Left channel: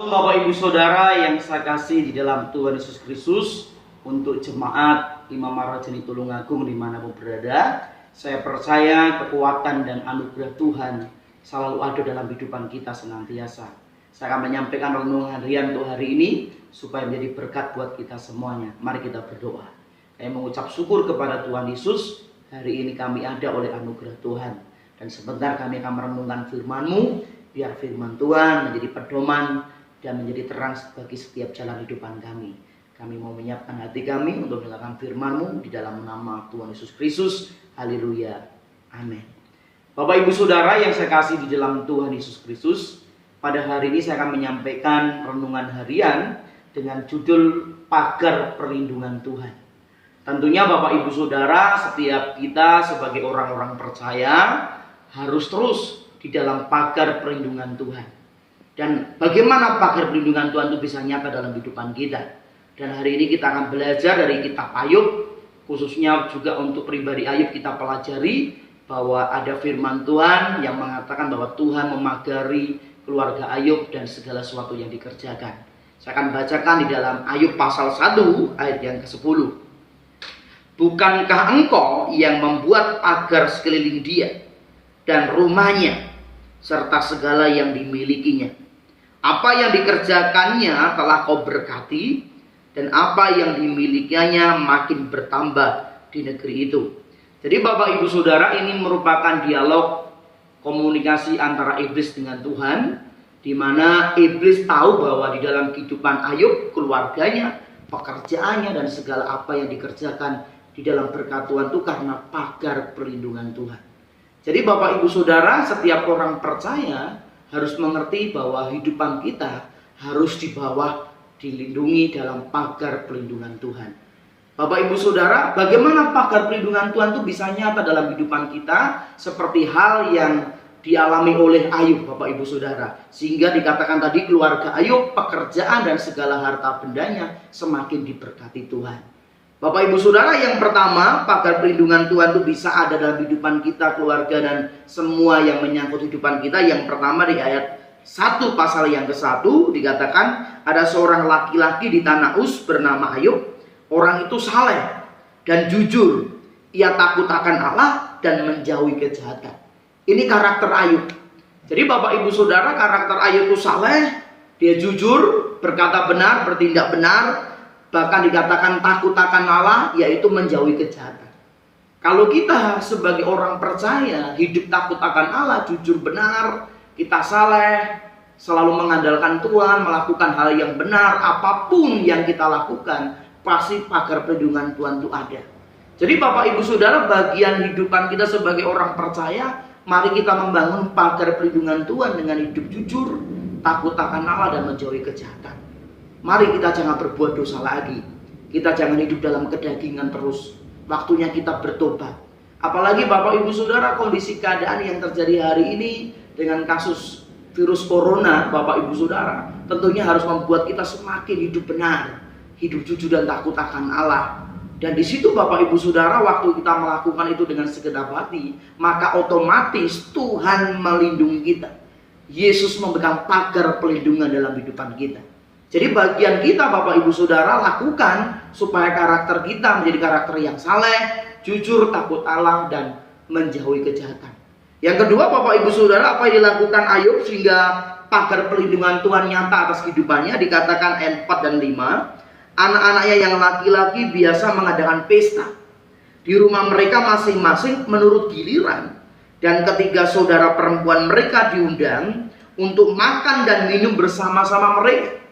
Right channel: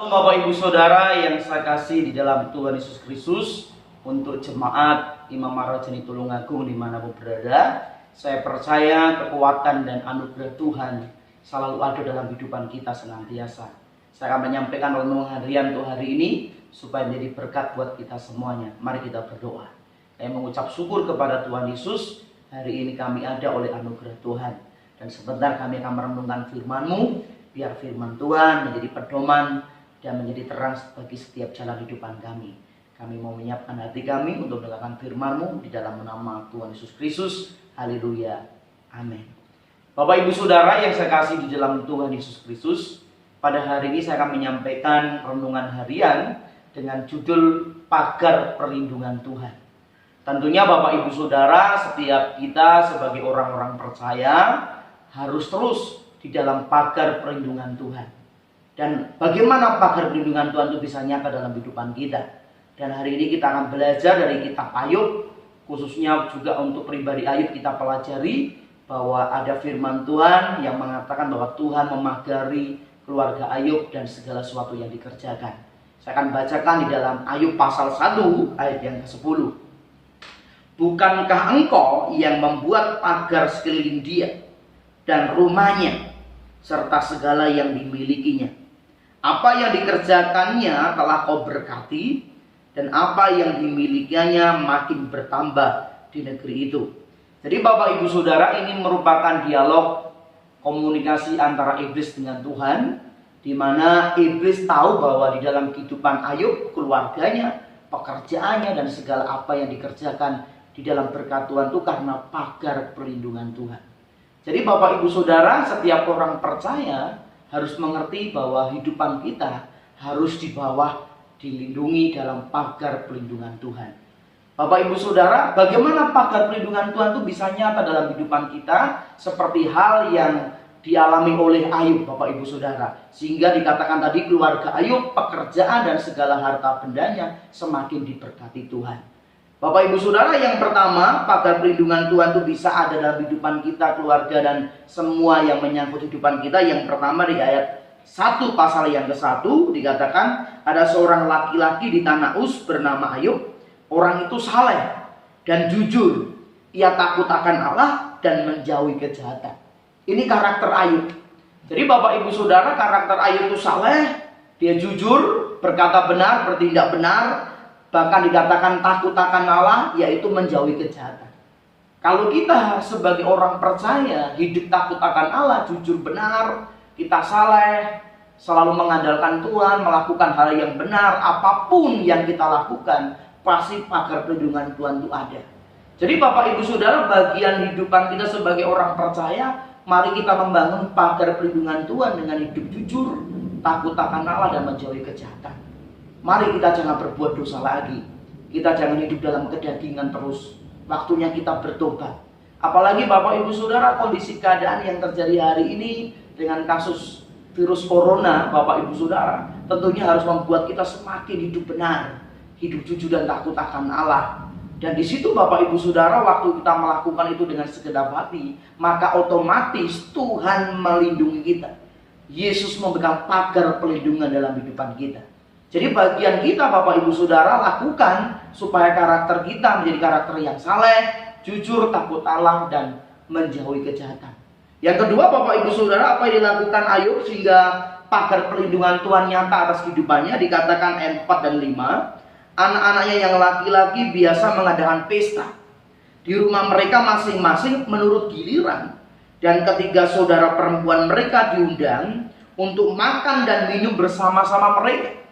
Bapak Ibu Saudara yang saya kasih di dalam Tuhan Yesus Kristus, untuk jemaat Imam Marwajani Tulungagung dimanapun berada, saya percaya kekuatan dan anugerah Tuhan selalu ada dalam kehidupan kita senantiasa. Saya akan menyampaikan renungan harian untuk hari ini supaya menjadi berkat buat kita semuanya. Mari kita berdoa. Saya mengucap syukur kepada Tuhan Yesus, hari ini kami ada oleh anugerah Tuhan. Dan sebentar kami akan merenungkan firman-Mu, biar firman Tuhan menjadi pedoman dan menjadi terang bagi setiap jalan kehidupan kami. Kami mau menyiapkan hati kami untuk mendengarkan firman-Mu di dalam nama Tuhan Yesus Kristus. Haleluya. Amin. Bapak Ibu Saudara yang saya kasih di dalam Tuhan Yesus Kristus, pada hari ini saya akan menyampaikan renungan harian dengan judul Pagar Perlindungan Tuhan. Tentunya Bapak Ibu Saudara, setiap kita sebagai orang-orang percaya harus terus di dalam pagar perlindungan Tuhan. Dan bagaimana pagar perlindungan Tuhan itu bisa nyata dalam kehidupan kita. Dan hari ini kita akan belajar dari kitab Ayub, khususnya juga untuk pribadi Ayub kita pelajari bahwa ada firman Tuhan yang mengatakan bahwa Tuhan memagari keluarga Ayub dan segala sesuatu yang dikerjakan. Saya akan bacakan di dalam Ayub pasal 1 ayat yang ke-10. Bukankah engkau yang membuat pagar sekeliling dia dan rumahnya serta segala yang dimilikinya? Apa yang dikerjakannya telah kau berkati, dan apa yang dimilikinya makin bertambah di negeri itu. Jadi Bapak Ibu Saudara, ini merupakan dialog komunikasi antara iblis dengan Tuhan, di mana iblis tahu bahwa di dalam kehidupan Ayub, keluarganya, pekerjaannya, dan segala apa yang dikerjakan di dalam berkat Tuhan itu karena pagar perlindungan Tuhan. Jadi Bapak Ibu Saudara, setiap orang percaya harus mengerti bahwa kehidupan kita harus di bawah dilindungi dalam pagar perlindungan Tuhan. Bapak Ibu Saudara, bagaimana pagar perlindungan Tuhan itu bisa nyata dalam kehidupan kita, seperti hal yang dialami oleh Ayub Bapak Ibu Saudara. Sehingga dikatakan tadi keluarga Ayub, pekerjaan dan segala harta bendanya semakin diberkati Tuhan. Bapak Ibu Saudara, yang pertama, pagar perlindungan Tuhan itu bisa ada dalam kehidupan kita, keluarga, dan semua yang menyangkut kehidupan kita. Yang pertama di ayat 1 pasal yang ke-1 dikatakan ada seorang laki-laki di tanah Uz bernama Ayub. Orang itu saleh dan jujur. Ia takut akan Allah dan menjauhi kejahatan. Ini karakter Ayub. Jadi Bapak Ibu Saudara, karakter Ayub itu saleh, dia jujur, berkata benar, bertindak benar. Bahkan dikatakan takut akan Allah, yaitu menjauhi kejahatan. Kalau kita sebagai orang percaya hidup takut akan Allah, jujur benar, kita saleh, selalu mengandalkan Tuhan, melakukan hal yang benar, apapun yang kita lakukan, pasti pagar perlindungan Tuhan itu ada. Jadi Bapak Ibu Saudara, bagian kehidupan kita sebagai orang percaya, mari kita membangun pagar perlindungan Tuhan dengan hidup jujur, takut akan Allah, dan menjauhi kejahatan. Mari kita jangan berbuat dosa lagi. Kita jangan hidup dalam kedagingan terus. Waktunya kita bertobat. Apalagi Bapak Ibu Saudara, kondisi keadaan yang terjadi hari ini dengan kasus virus corona, Bapak Ibu Saudara, tentunya harus membuat kita semakin hidup benar, hidup jujur dan takut akan Allah. Dan di situ Bapak Ibu Saudara, waktu kita melakukan itu dengan segenap hati, maka otomatis Tuhan melindungi kita. Yesus memegang pagar perlindungan dalam kehidupan kita. Jadi bagian kita Bapak Ibu Saudara lakukan supaya karakter kita menjadi karakter yang saleh, jujur, takut Allah, dan menjauhi kejahatan. Yang kedua Bapak Ibu Saudara, apa yang dilakukan Ayub sehingga pagar perlindungan Tuhan nyata atas kehidupannya? Dikatakan ayat 4 dan 5, anak-anaknya yang laki-laki biasa mengadakan pesta di rumah mereka masing-masing menurut giliran, dan ketiga saudara perempuan mereka diundang untuk makan dan minum bersama-sama mereka.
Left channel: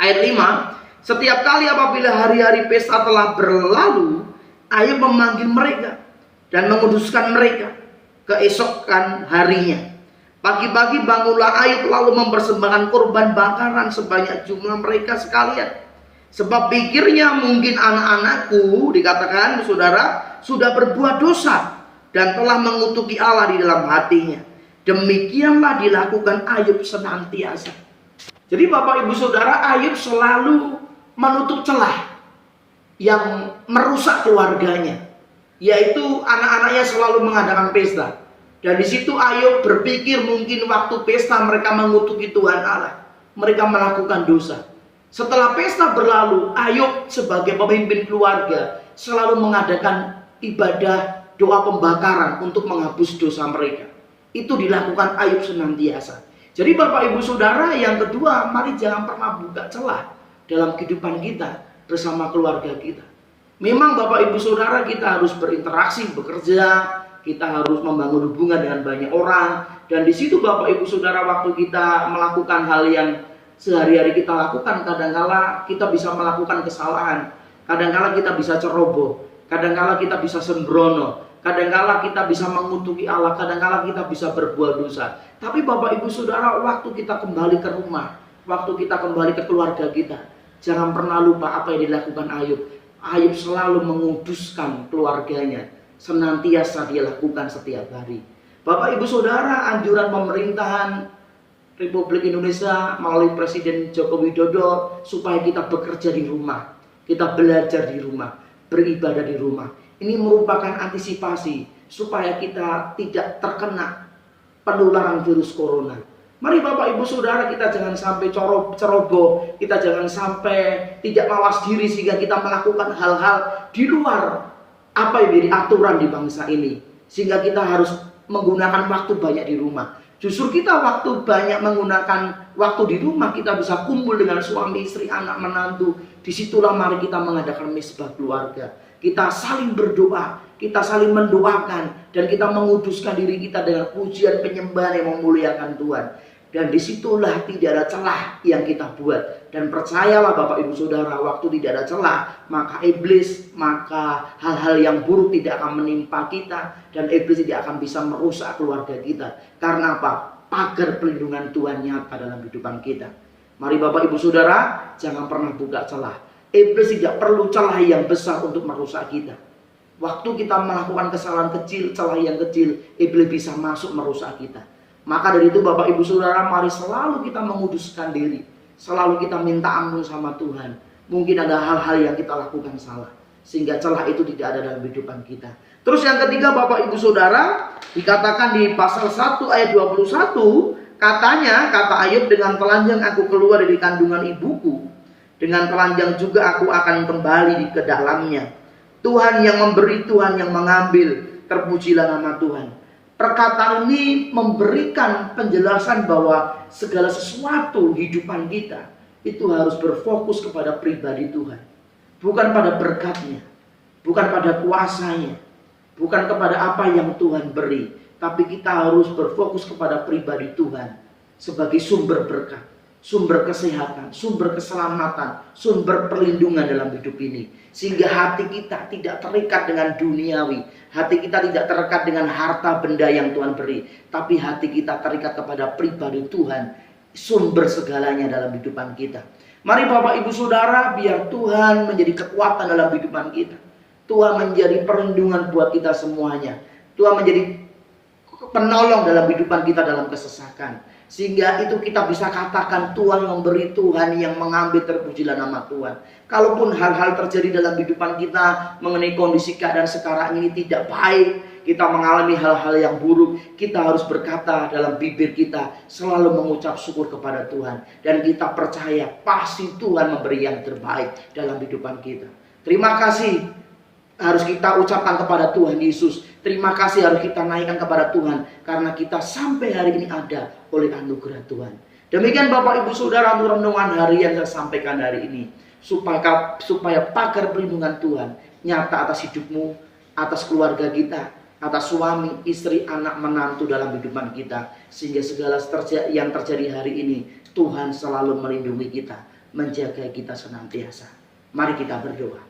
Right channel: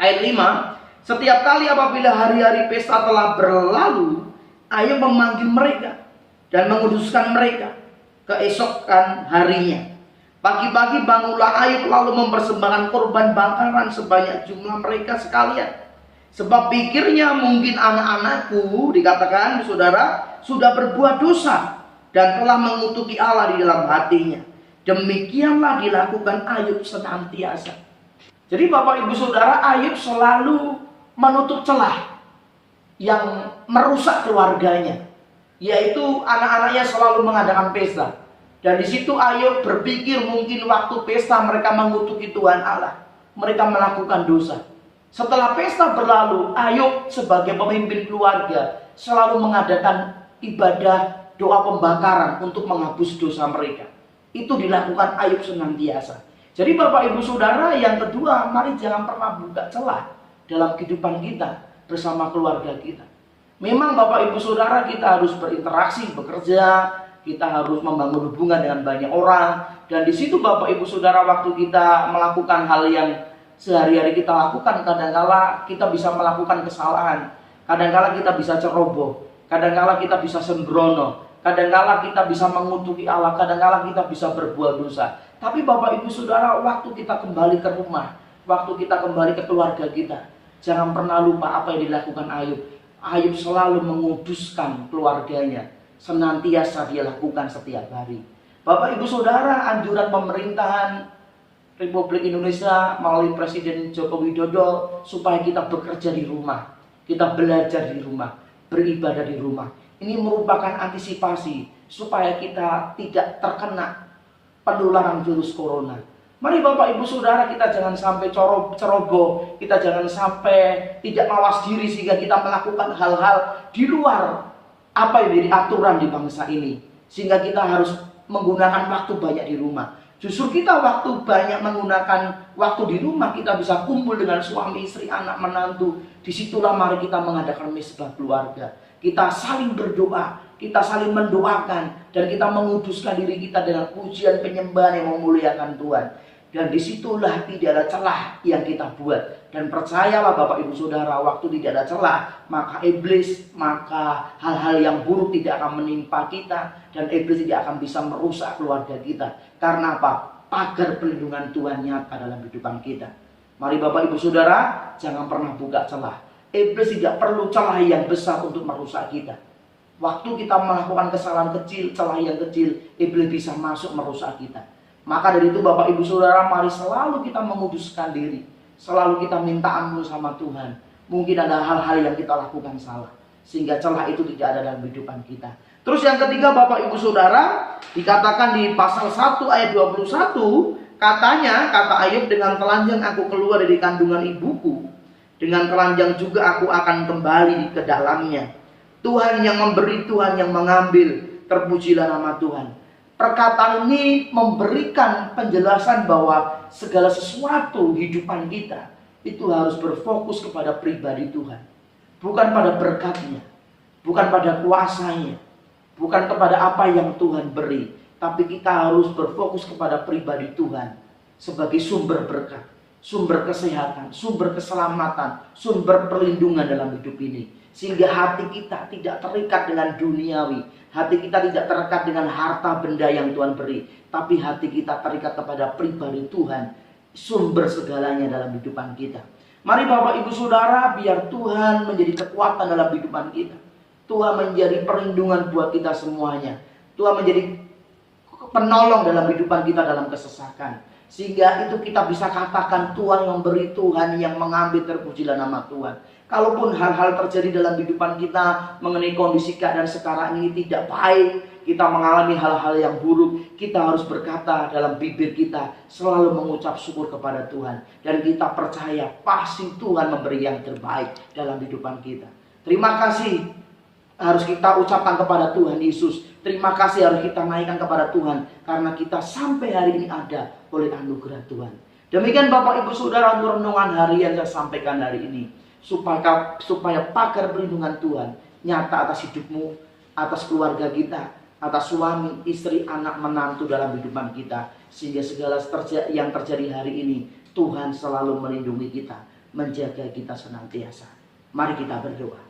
Ayat 5, setiap kali apabila hari-hari pesta telah berlalu, Ayub memanggil mereka dan menguduskan mereka keesokan harinya. Pagi-pagi bangunlah Ayub lalu mempersembahkan korban bakaran sebanyak jumlah mereka sekalian. Sebab pikirnya mungkin anak-anakku, dikatakan saudara, sudah berbuat dosa dan telah mengutuki Allah di dalam hatinya. Demikianlah dilakukan Ayub senantiasa. Jadi Bapak Ibu Saudara, Ayub selalu menutup celah yang merusak keluarganya, yaitu anak-anaknya selalu mengadakan pesta. Dan di situ Ayub berpikir mungkin waktu pesta mereka mengutuki Tuhan Allah. mereka melakukan dosa. Setelah pesta berlalu, Ayub sebagai pemimpin keluarga selalu mengadakan ibadah doa pembakaran untuk menghapus dosa mereka. Itu dilakukan Ayub senantiasa. Jadi Bapak Ibu Saudara, yang kedua, mari jangan pernah buka celah dalam kehidupan kita bersama keluarga kita. Memang Bapak Ibu Saudara, kita harus berinteraksi, bekerja, kita harus membangun hubungan dengan banyak orang. Dan di situ Bapak Ibu Saudara, waktu kita melakukan hal yang sehari-hari kita lakukan, kadangkala kita bisa melakukan kesalahan, kadangkala kita bisa ceroboh, kadangkala kita bisa sembrono, kadangkala kita bisa mengutuki Allah, kadangkala kita bisa berbuat dosa. Tapi Bapak Ibu Saudara, waktu kita kembali ke rumah, waktu kita kembali ke keluarga kita, jangan pernah lupa apa yang dilakukan Ayub. Ayub selalu menguduskan keluarganya, senantiasa dia lakukan setiap hari. Bapak Ibu Saudara, anjuran pemerintahan Republik Indonesia melalui Presiden Joko Widodo supaya kita bekerja di rumah, kita belajar di rumah, beribadah di rumah. Ini merupakan antisipasi supaya kita tidak terkena penularan virus corona. Mari Bapak Ibu Saudara, kita jangan sampai ceroboh, kita jangan sampai tidak mawas diri sehingga kita melakukan hal-hal di luar apa yang menjadi aturan di bangsa ini. Sehingga kita harus menggunakan waktu banyak di rumah. Justru kita waktu banyak menggunakan waktu di rumah, kita bisa kumpul dengan suami, istri, anak, menantu. Disitulah mari kita mengadakan mesbah keluarga. Kita saling berdoa, kita saling mendoakan, dan kita menguduskan diri kita dengan pujian penyembahan yang memuliakan Tuhan. Dan disitulah tidak ada celah yang kita buat. Dan percayalah Bapak Ibu Saudara, waktu tidak ada celah, maka iblis, maka hal-hal yang buruk tidak akan menimpa kita. Dan iblis tidak akan bisa merusak keluarga kita. Karena apa? Pagar perlindungan Tuhan nyata dalam kehidupan kita. Mari Bapak Ibu Saudara, jangan pernah buka celah. Iblis tidak perlu celah yang besar untuk merusak kita. Waktu kita melakukan kesalahan kecil, celah yang kecil, iblis bisa masuk merusak kita. Maka dari itu Bapak Ibu Saudara, mari selalu kita menguduskan diri. Selalu kita minta ampun sama Tuhan. Mungkin ada hal-hal yang kita lakukan salah, sehingga celah itu tidak ada dalam kehidupan kita. Terus yang ketiga Bapak Ibu Saudara, dikatakan di pasal 1 ayat 21, katanya, kata Ayub, dengan telanjang aku keluar dari kandungan ibuku, dengan telanjang juga aku akan kembali ke dalamnya. Tuhan yang memberi, Tuhan yang mengambil, terpujilah nama Tuhan. Perkataan ini memberikan penjelasan bahwa segala sesuatu hidupan kita itu harus berfokus kepada pribadi Tuhan. Bukan pada berkatnya, bukan pada kuasanya, bukan kepada apa yang Tuhan beri. Tapi kita harus berfokus kepada pribadi Tuhan sebagai sumber berkat, sumber kesehatan, sumber keselamatan, sumber perlindungan dalam hidup ini. Sehingga hati kita tidak terikat dengan duniawi, hati kita tidak terikat dengan harta benda yang Tuhan beri, tapi hati kita terikat kepada pribadi Tuhan, sumber segalanya dalam kehidupan kita. Mari Bapak Ibu Saudara, biar Tuhan menjadi kekuatan dalam kehidupan kita. Tuhan menjadi perlindungan buat kita semuanya. Tuhan menjadi penolong dalam kehidupan kita dalam kesesakan. Sehingga itu kita bisa katakan Tuhan yang memberi, Tuhan yang mengambil, terpujilah nama Tuhan. Kalaupun hal-hal terjadi dalam kehidupan kita mengenai kondisi keadaan sekarang ini tidak baik, kita mengalami hal-hal yang buruk, kita harus berkata dalam bibir kita selalu mengucap syukur kepada Tuhan. Dan kita percaya pasti Tuhan memberi yang terbaik dalam kehidupan kita. Terima kasih harus kita ucapkan kepada Tuhan Yesus. Terima kasih harus kita naikkan kepada Tuhan, karena kita sampai hari ini ada oleh anugerah Tuhan. Demikian Bapak Ibu Saudara, untuk renungan harian saya sampaikan hari ini, supaya pagar perlindungan Tuhan nyata atas hidupmu, atas keluarga kita, atas suami, istri, anak, menantu dalam kehidupan kita. Sehingga segala yang terjadi hari ini, Tuhan selalu melindungi kita, menjaga kita senantiasa. Mari kita berdoa.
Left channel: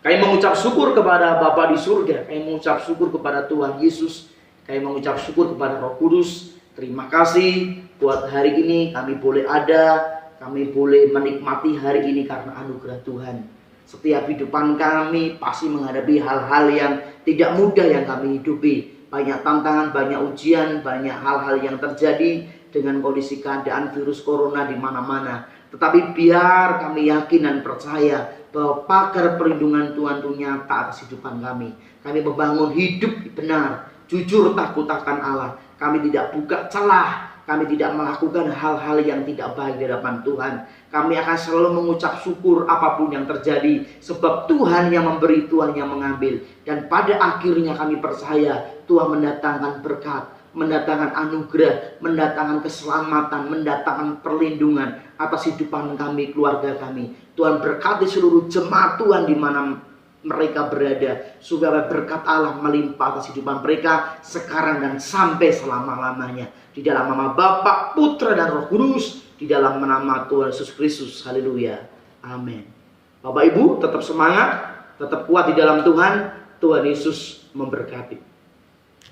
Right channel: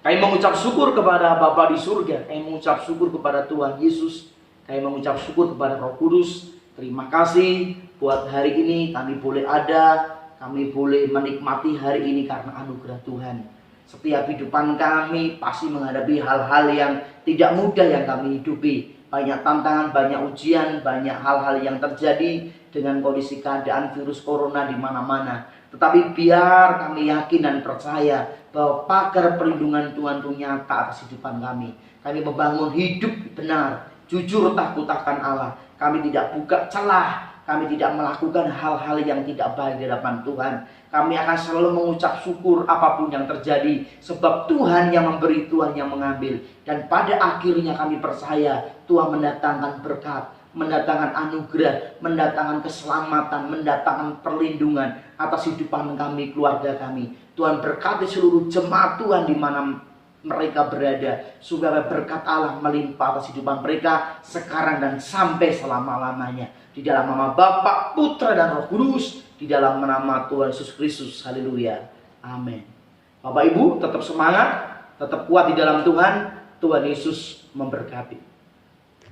Kami mengucap syukur kepada Bapa di surga. Kami mengucap syukur kepada Tuhan Yesus. Kami mengucap syukur kepada Roh Kudus. Terima kasih buat hari ini kami boleh ada. Kami boleh menikmati hari ini karena anugerah Tuhan. Setiap kehidupan kami pasti menghadapi hal-hal yang tidak mudah yang kami hidupi. Banyak tantangan, banyak ujian, banyak hal-hal yang terjadi dengan kondisi keadaan virus corona di mana-mana. Tetapi biar kami yakin dan percaya bahwa pagar perlindungan Tuhan itu nyata atas kehidupan kami. Kami membangun hidup benar, jujur, takut akan Allah. Kami tidak buka celah, Kami tidak melakukan hal-hal yang tidak baik di hadapan Tuhan. Kami akan selalu mengucap syukur apapun yang terjadi. Sebab Tuhan yang memberi, Tuhan yang mengambil. Dan pada akhirnya kami percaya Tuhan mendatangkan berkat, mendatangkan anugerah, mendatangkan keselamatan, mendatangkan perlindungan atas hidupan kami, keluarga kami. Tuhan berkati seluruh jemaat Tuhan di mana mereka berada, supaya berkat Allah melimpah atas kehidupan mereka sekarang dan sampai selama-lamanya. Di dalam nama Bapa, Putra dan Roh Kudus, di dalam nama Tuhan Yesus Kristus. Haleluya. Amin. Bapak Ibu tetap semangat, tetap kuat di dalam Tuhan. Tuhan Yesus memberkati.